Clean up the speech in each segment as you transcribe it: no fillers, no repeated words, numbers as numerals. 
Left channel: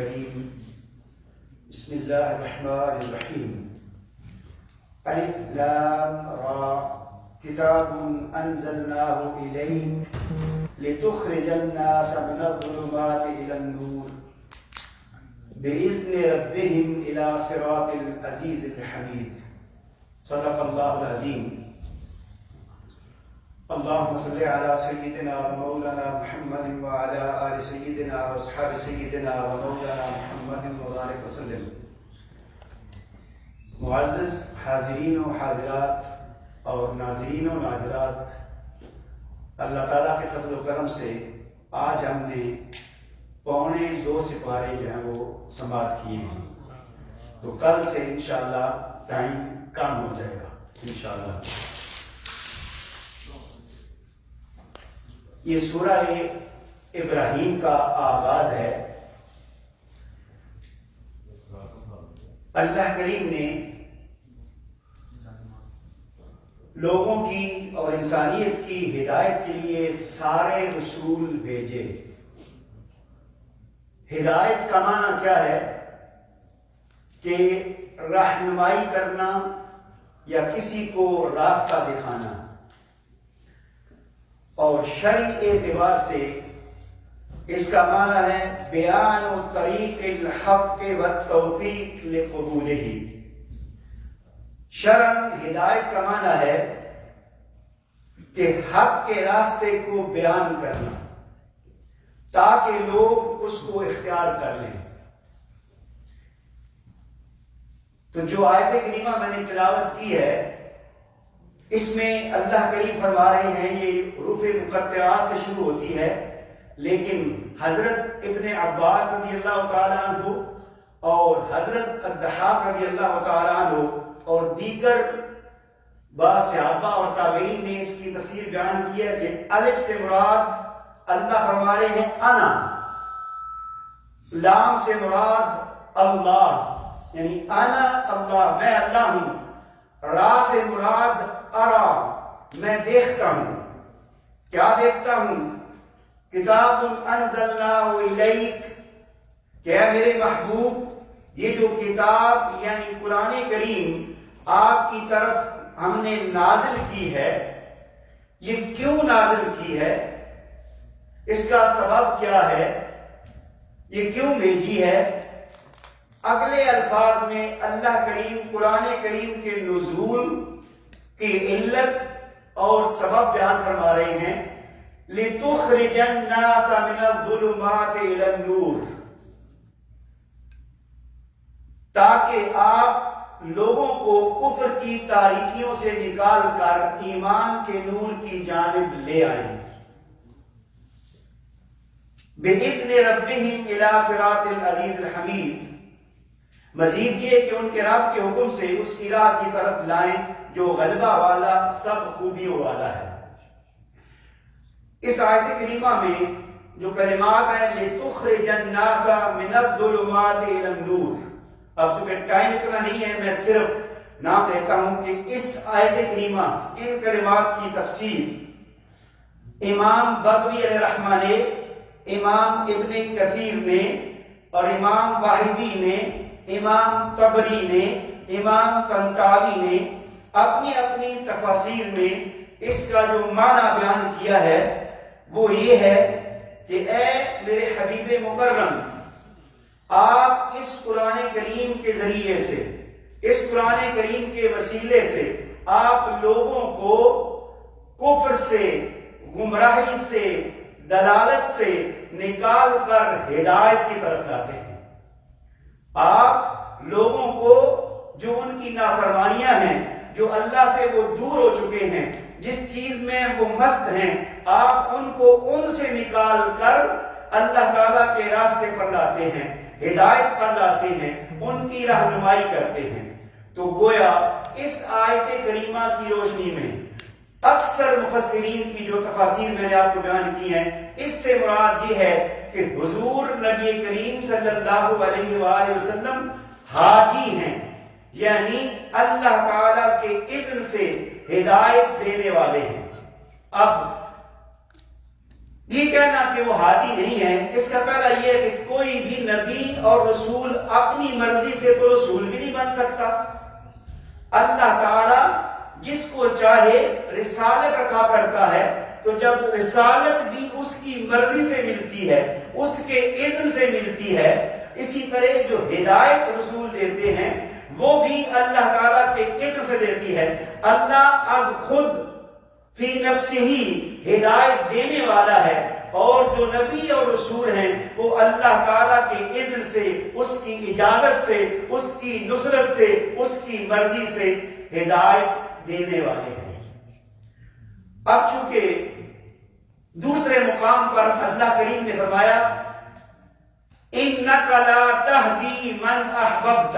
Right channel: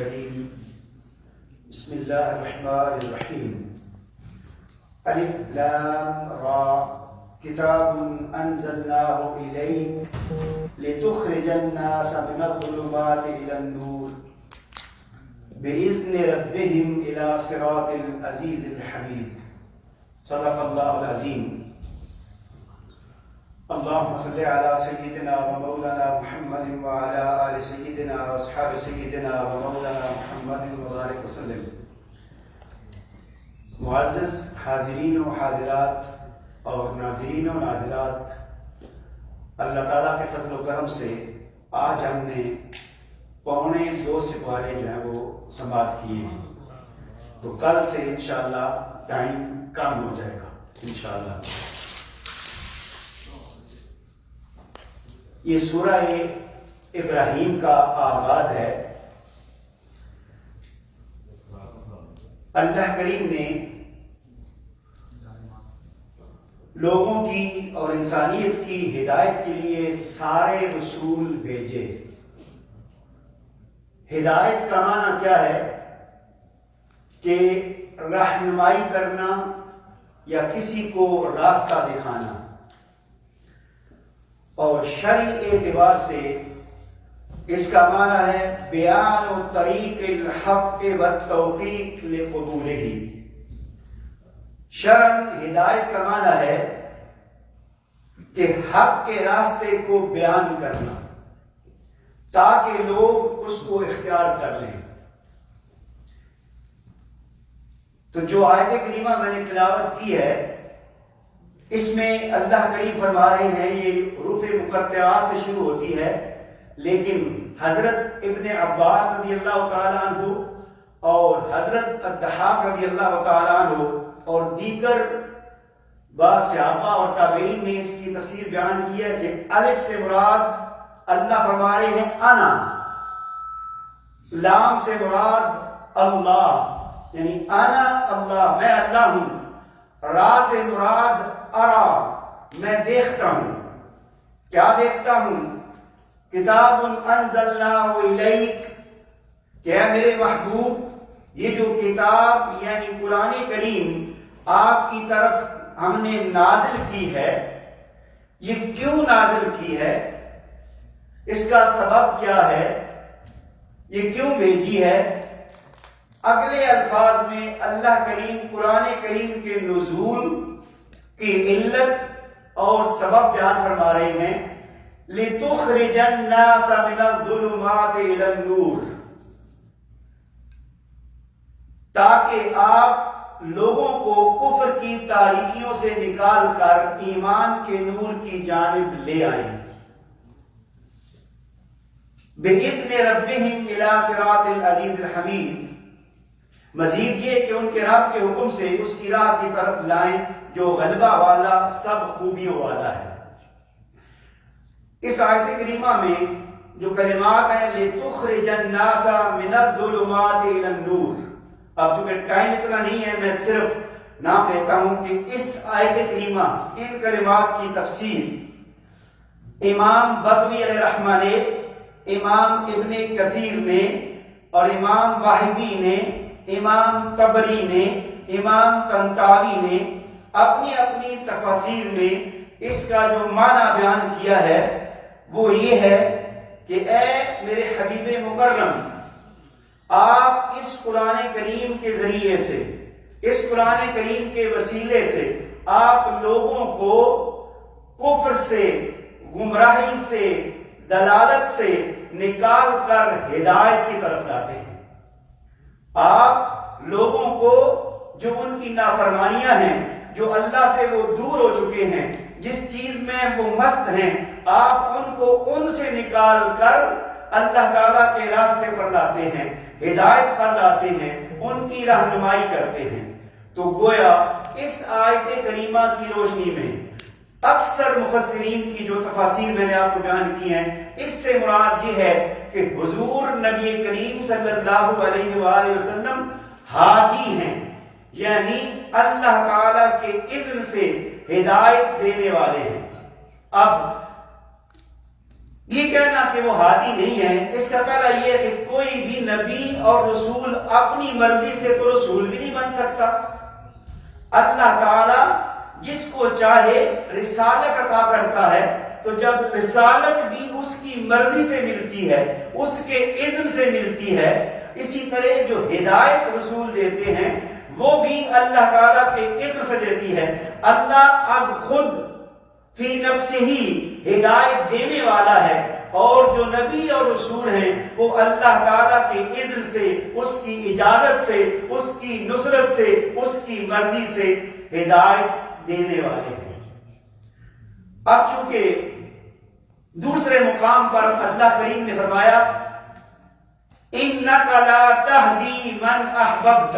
الكريم بسم الله الرحمن الرحيم ألف لام را كتاب أنزلناه إليك لتخرج الناس من الظلمات إلى النور بإذن ربهم إلى صراط العزيز الحميد صدق الله العظيم. اللهم صل على سيدنا ومولانا محمد وعلى آل سيدنا وأصحاب سيدنا ومولانا محمد وبارك وسلم. معزز حاضرین و حاضرات اور ناظرین و ناظرات، اللہ تعالیٰ کے فضل و کرم سے آج ہم نے 2.25 سپارے جو ہیں وہ سماعت کیے ہیں، تو کل سے انشاءاللہ ٹائم کم ہو جائے گا انشاءاللہ. یہ سورہ ابراہیم کا آغاز ہے. اللہ کریم نے لوگوں کی اور انسانیت کی ہدایت کے لیے سارے رسول بھیجے. ہدایت کا معنی کیا ہے؟ کہ رہنمائی کرنا یا کسی کو راستہ دکھانا، اور شرعی اعتبار سے اس کا معنی ہے بیان و طریق الحق و توفیق لقبولہ. شرعاً ہدایت کا معنی ہے کہ حق کے راستے کو بیان کرنا تاکہ لوگ اس کو اختیار کر لیں. تو جو آیت کریمہ میں نے تلاوت کی ہے، اس میں اللہ کریم فرما رہے ہیں، یہ حروف مقطعات سے شروع ہوتی ہے، لیکن حضرت ابن عباس رضی اللہ تعالیٰ عنہ اور حضرت الضحاک رضی اللہ تعالیٰ عنہ اور دیگر بعض صحابہ اور تابعین نے اس کی تفسیر بیان کی ہے کہ الف سے مراد اللہ فرما رہے ہیں انا، لام سے مراد اللہ یعنی انا اللہ، میں اللہ ہوں، را سے مراد ارا، میں دیکھتا ہوں. کیا دیکھتا ہوں؟ کتاب انزلناہ الیک، کہ اے میرے محبوب یہ جو کتاب یعنی قرآن کریم آپ کی طرف ہم نے نازل کی ہے، یہ کیوں نازل کی ہے، اس کا سبب کیا ہے، یہ کیوں بھیجی ہے. اگلے الفاظ میں اللہ کریم قرآن کریم کے نزول کی علت اور سبب بیان فرما رہے ہیں. لِتُخْرِجَ النَّاسَ مِنَ الظُّلُمَاتِ إِلَى النُّورِ، تاکہ آپ لوگوں کو کفر کی تاریکیوں سے نکال کر ایمان کے نور کی جانب لے آئیں. بِإِذْنِ رَبِّهِمْ إِلَى صِرَاطِ الْعَزِيزِ الْحَمِيدِ، مزید یہ کہ ان کے رب کے حکم سے اس کی راہ کی طرف لائیں جو غلبہ والا سب خوبیوں والا ہے. اس آیت کریمہ میں جو کلمات ہیں لِتُخْرِجَ النَّاسَ مِنَ الظُّلُمَاتِ إِلَى النُّورِ، اب چونکہ ٹائم اتنا نہیں ہے، میں صرف نام لیتا ہوں کہ اس آیت کریمہ ان کلمات کی تفسیر امام بغوی علیہ رحمہ نے، امام ابن کثیر نے اور امام واحدی نے، امام طبری نے، امام طنطاوی نے اپنی اپنی تفاسیر میں اس کا جو معنی بیان کیا ہے وہ یہ ہے کہ اے میرے حبیب مکرم، آپ اس قرآن کریم کے ذریعے سے، اس قرآن کریم کے وسیلے سے آپ لوگوں کو کفر سے، گمراہی سے، دلالت سے نکال کر ہدایت کی طرف لاتے ہیں. آپ لوگوں کو جو ان کی نافرمانیاں ہیں، جو اللہ سے وہ دور ہو چکے ہیں، جس چیز میں وہ مست ہیں، آپ ان کو ان سے نکال کر اللہ تعالیٰ کے راستے پر لاتے ہیں، ہدایت پر لاتے ہیں، ان کی رہنمائی کرتے ہیں. تو گویا اس آیت کریمہ کی روشنی میں اکثر مفسرین کی جو تفاسیر میں نے آپ کو بیان کی ہیں، اس سے مراد یہ ہے کہ حضور نبی کریم صلی اللہ علیہ وآلہ وسلم ہادی ہیں، یعنی اللہ تعالیٰ کے اذن سے ہدایت دینے والے ہیں. اب یہ کہنا کہ وہ ہادی نہیں ہے، اس کا پہلا یہ ہے کہ کوئی بھی نبی اور رسول اپنی مرضی سے تو رسول بھی نہیں بن سکتا. اللہ تعالی جس کو چاہے رسالت عطا کرتا ہے، تو جب رسالت بھی اس کی مرضی سے ملتی ہے، اس کے اذن سے ملتی ہے، اسی طرح جو ہدایت رسول دیتے ہیں وہ بھی اللہ تعالیٰ کے اذن سے دیتی ہے. اللہ از خود فی نفسہ ہی ہدایت دینے والا ہے، اور جو نبی اور رسول ہیں وہ اللہ تعالیٰ کے اذن سے، اس کی اجازت سے، اس کی نصرت سے، اس کی مرضی سے ہدایت دینے والے ہیں. اب چونکہ دوسرے مقام پر اللہ کریم نے فرمایا اِنَّكَ لَا تَهْدِي مَنْ أَحْبَبْتَ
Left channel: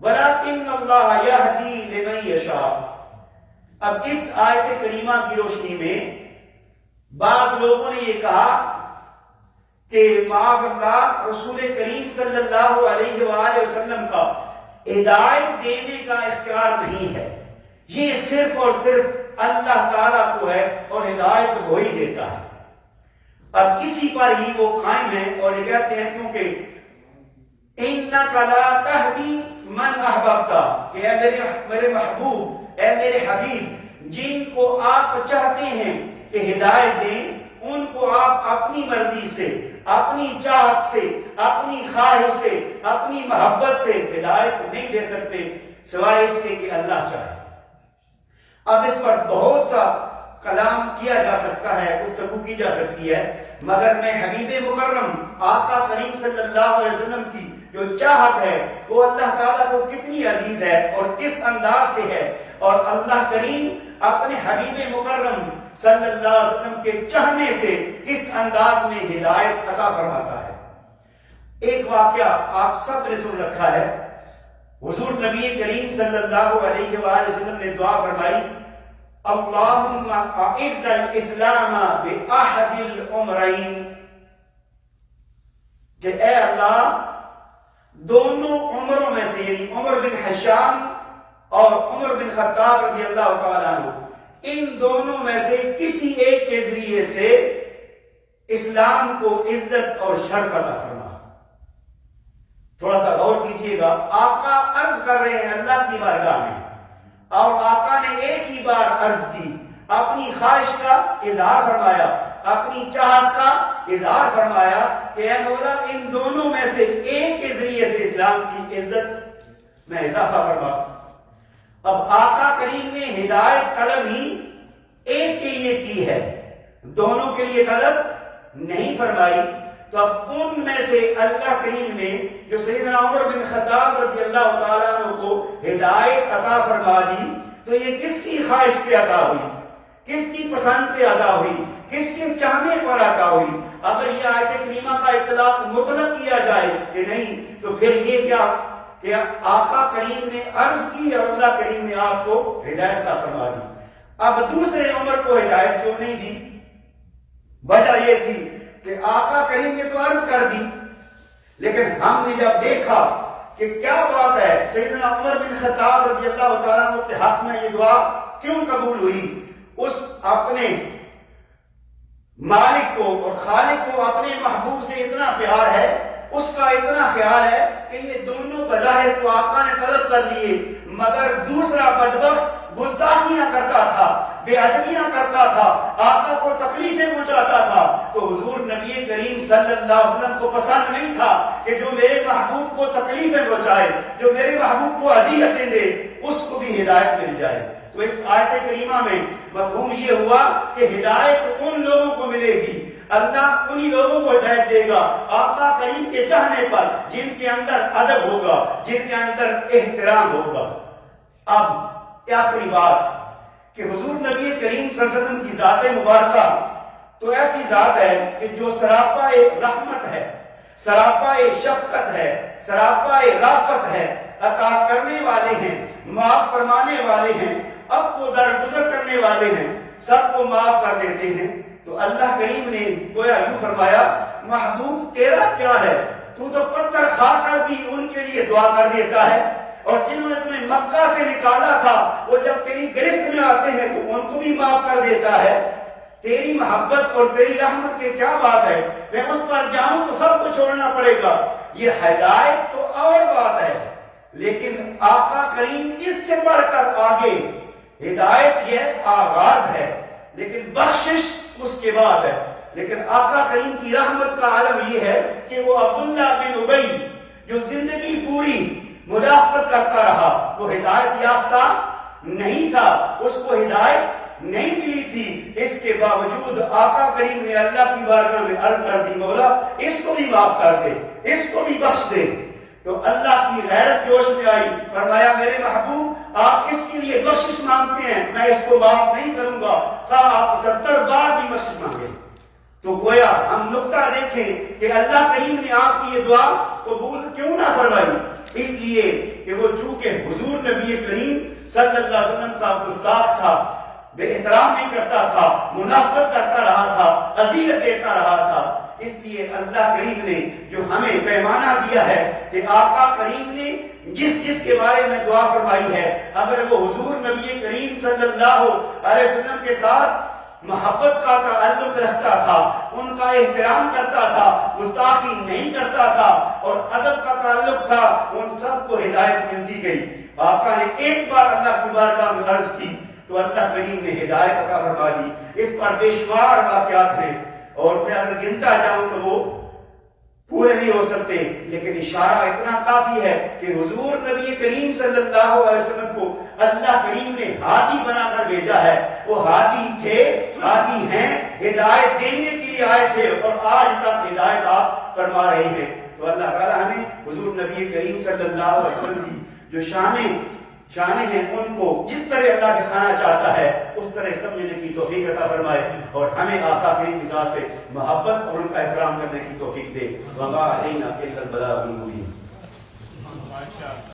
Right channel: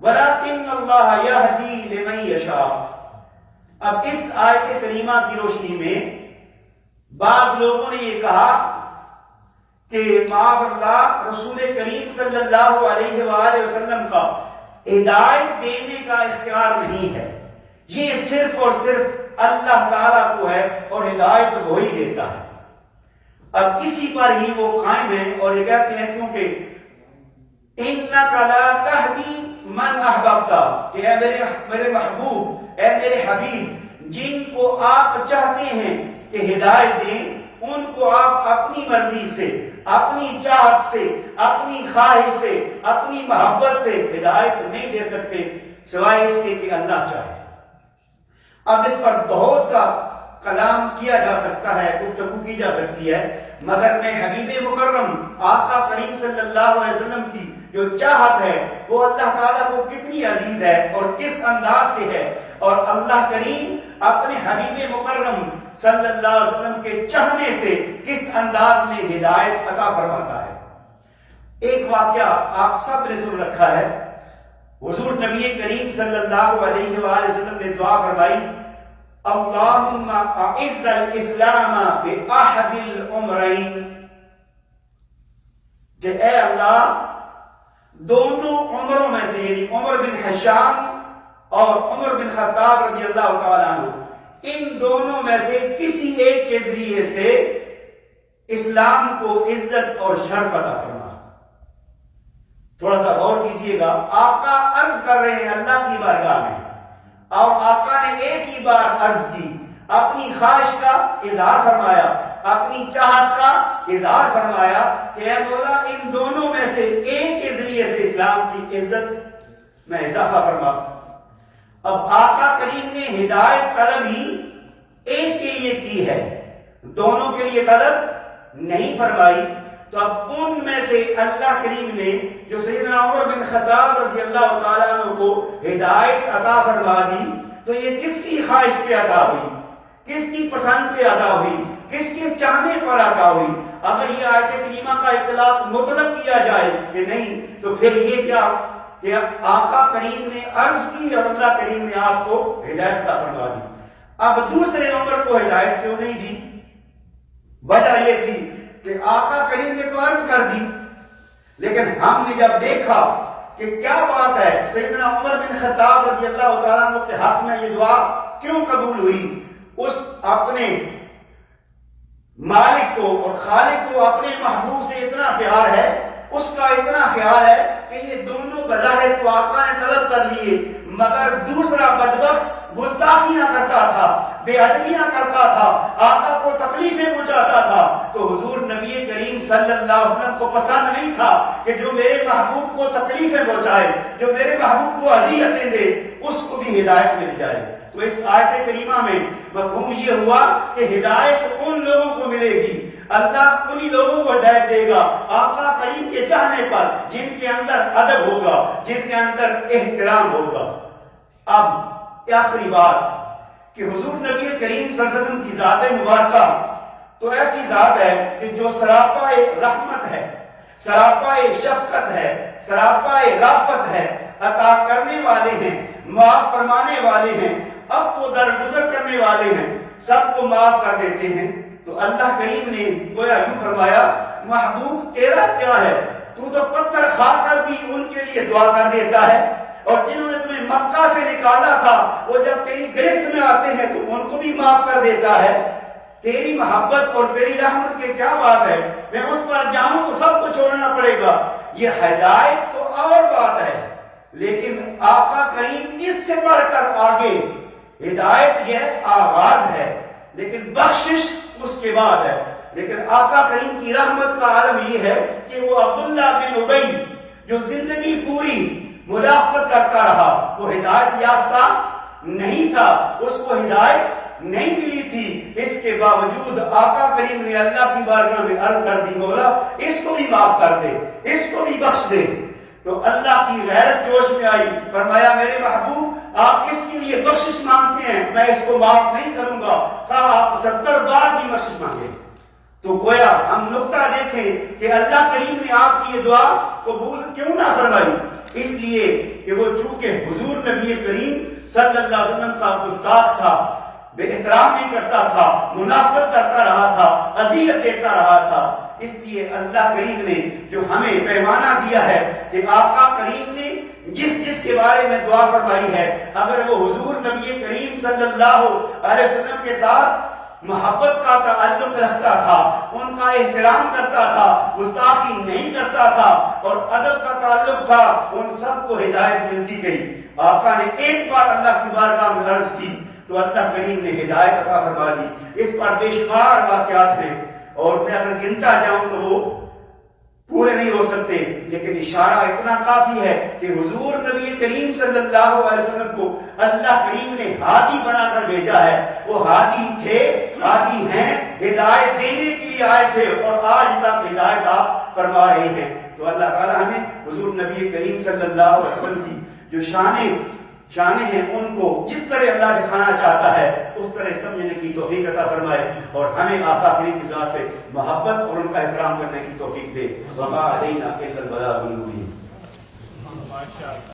وَلَكِنَّ اللَّهَ يَهْدِي لِمَنْ يَشَاءُ. اب اس آیت کریمہ کی روشنی میں بعض لوگوں نے یہ کہا کہ معاذ اللہ رسول کریم صلی اللہ علیہ وآلہ وسلم کا ہدایت دینے کا اختیار نہیں ہے، یہ صرف اور صرف اللہ تعالیٰ کو ہے اور ہدایت وہی دیتا ہے. اب اسی پر ہی وہ قائم ہیں اور یہ کہتے ہیں کیونکہ اِنَّكَ لَا تَهْدِي مَنْ أَحْبَبْتَ، کہ اے میرے محبوب، اے میرے حبیب، جن کو آپ چاہتے ہیں کہ ہدایت دیں، ان کو آپ اپنی مرضی سے، اپنی چاہت سے، اپنی خواہش سے، اپنی محبت سے ہدایت نہیں دے سکتے سوائے اس کے کہ اللہ چاہے. اب اس پر بہت سا کلام کیا جا سکتا ہے، گفتگو کی جا سکتی ہے، مگر میں حبیب مکرم آقا کریم صلی اللہ علیہ وسلم کی جو چاہت ہے وہ اللہ تعالیٰ کو کتنی عزیز ہے اور کس انداز سے ہے، اور اللہ کریم اپنے حبیب مکرم صلی اللہ علیہ وسلم کے چاہنے سے کس انداز میں ہدایت عطا فرماتا ہے. ایک واقعہ آپ سب نے سن رکھا ہے، حضور نبی کریم صلی اللہ علیہ وآلہ وسلم نے دعا فرمائی اللہم اعز الاسلام باحد العمرین، کہ اے اللہ دونوں عمروں میں سے، یعنی عمر بن حشام اور عمر بن خطاب رضی اللہ تعالیٰ عنہ، ان دونوں میں سے کسی ایک کے ذریعے سے اسلام کو عزت اور شرف عطا فرما. تھوڑا سا غور کیجئے گا، آقا عرض کر رہے ہیں اللہ کی بارگاہ میں، اور آقا نے ایک ہی بار عرض کی، اپنی خواہش کا اظہار فرمایا، اپنی چاہت کا اظہار فرمایا کہ اے مولا ان دونوں میں سے ایک کے ذریعے سے اسلام کی عزت میں اضافہ فرما. اب آقا کریم نے ہدایت طلب ہی ایک کے لیے کی ہے، دونوں کے لیے طلب نہیں فرمائی. تو اب ان میں سے اللہ کریم نے جو سیدنا عمر بن خطاب رضی اللہ تعالیٰ عنہ کو ہدایت عطا فرما دی، تو یہ کس کی خواہش پہ عطا ہوئی، کس کی پسند پہ عطا ہوئی، کس کے چاہنے پر عطا ہوئی. اگر یہ آیت کریمہ کا اطلاق مطلق کیا جائے کہ نہیں، تو پھر یہ کیا کہ آقا کریم نے عرض کی اور اللہ کریم نے آپ کو ہدایت عطا فرما دی. اب دوسرے نمبر کو ہدایت کیوں نہیں دی؟ وجہ یہ تھی کہ آقا کریم نے تو عرض کر دی، لیکن ہم نے جب دیکھا کہ کیا بات ہے، سیدنا عمر بن خطاب رضی اللہ تعالیٰ عنہ کے حق میں یہ دعا کیوں قبول ہوئی، اس اپنے مالک کو اور خالق کو اپنے محبوب سے اتنا پیار ہے، اس کا اتنا خیال ہے کہ یہ دونوں بظاہر تو آقا نے طلب کر لیے، مگر دوسرا بدبخت گستاخیاں کرتا تھا، بے ادبیاں کرتا تھا، آقا کو تکلیفیں پہنچاتا تھا. تو حضور نبی کریم صلی اللہ علیہ وسلم کو پسند نہیں تھا کہ جو میرے محبوب کو تکلیفیں پہنچائے، جو میرے محبوب کو اذیتیں دے، اس کو بھی ہدایت مل جائے. تو اس آیت کریمہ میں مفہوم یہ ہوا کہ ہدایت ان لوگوں کو ملے گی، اللہ انہی لوگوں کو ہدایت دے گا آقا کریم کے چاہنے پر، جن کے اندر ادب ہوگا، جن کے اندر احترام ہوگا. اب آخری بات کہ حضور نبی کریم صلی اللہ علیہ وسلم کی ذات مبارکہ تو ایسی ذات ہے کہ جو سراپا رحمت ہے، سراپا شفقت ہے، سراپا رافت ہے، عطا کرنے والے ہیں، معاف فرمانے والے ہیں، عفو درگزر کرنے والے ہیں، سب کو معاف کر دیتے ہیں. تو اللہ کریم نے گویا یوں فرمایا محبوب تیرا کیا ہے، تو پتھر کھا کر بھی ان کے لیے دعا کر دیتا ہے، اور جنہوں نے تمہیں مکہ سے نکالا تھا وہ جب تیری گرفت میں آتے ہیں تو ان کو بھی معاف کر دیتا ہے. تیری محبت اور تیری رحمت کے کیا بات ہے، میں اس پر جاؤں تو سب کو چھوڑنا پڑے گا. یہ ہدایت تو اور بات ہے، لیکن آقا کریم اس سے بڑھ کر آگے. ہدایت یہ آغاز ہے لیکن بخشش اس کے بعد ہے. لیکن آقا کریم کی رحمت کا عالم یہ ہے کہ وہ عبداللہ بن ابی جو زندگی پوری مدافعت کرتا رہا، وہ ہدایت یافتہ نہیں تھا، اس کو ہدایت نہیں ملی تھی. اس کے باوجود آقا کریم نے اللہ کی بارگاہ میں عرض کر دی، مولا اس کو بھی معاف کر دے، اس کو بھی بخش دے. تو اللہ کی غیرت جوش میں آئی، فرمایا میرے محبوب آپ اس کے لیے بخشش مانگتے ہیں، میں اس کو معاف نہیں کروں گا، کہا آپ 70 بار بھی بخشش مانگے. تو گویا ہم نقطہ دیکھیں کہ اللہ کریم نے آپ کی یہ دعا قبول کیوں نہ فرمائی، اس لیے کہ وہ چونکہ حضور نبی کریم صلی اللہ علیہ وسلم کا گستاخ تھا، بے احترام نہیں کرتا تھا، منافقت کرتا رہا تھا، اذیت دیتا رہا تھا. اس لیے اللہ کریم نے جو ہمیں پیمانہ دیا ہے کہ آقا کریم نے جس کے بارے میں دعا فرمائی ہے، اگر وہ حضور نبی کریم صلی اللہ علیہ وسلم کے ساتھ محبت کا تعلق رکھتا تھا، ان کا احترام کرتا تھا، گستاخی نہیں کرتا تھا اور ادب کا تعلق تھا، ان سب کو ہدایت ملتی گئی. آقا نے ایک بار اللہ کی بارگاہ میں عرض کی تو اللہ کریم نے ہدایت عطا فرما دی. اس پر بے شمار واقعات ہیں اور میں اگر گنتا جاؤں تو وہ پورے نہیں ہو سکتے، لیکن اشارہ اتنا کافی ہے کہ حضور نبی کریم صلی اللہ علیہ وسلم کو اللہ کریم نے ہادی بنا کر بھیجا ہے. وہ ہادی تھے، ہادی ہیں، ہدایت دینے کے لیے آئے تھے اور آج تک ہدایت آپ فرما رہے ہیں. تو اللہ تعالیٰ ہمیں حضور نبی کریم صلی اللہ علیہ وسلم کی جو شانیں ہیں ان کو جس طرح اللہ دکھانا چاہتا ہے اس طرح سمجھنے کی توفیق عطا فرمائے اور ہمیں آقا کریم کی ذات سے محبت اور ان کا احترام کرنے کی توفیق دے. وما علینا الا البلاغ المبین.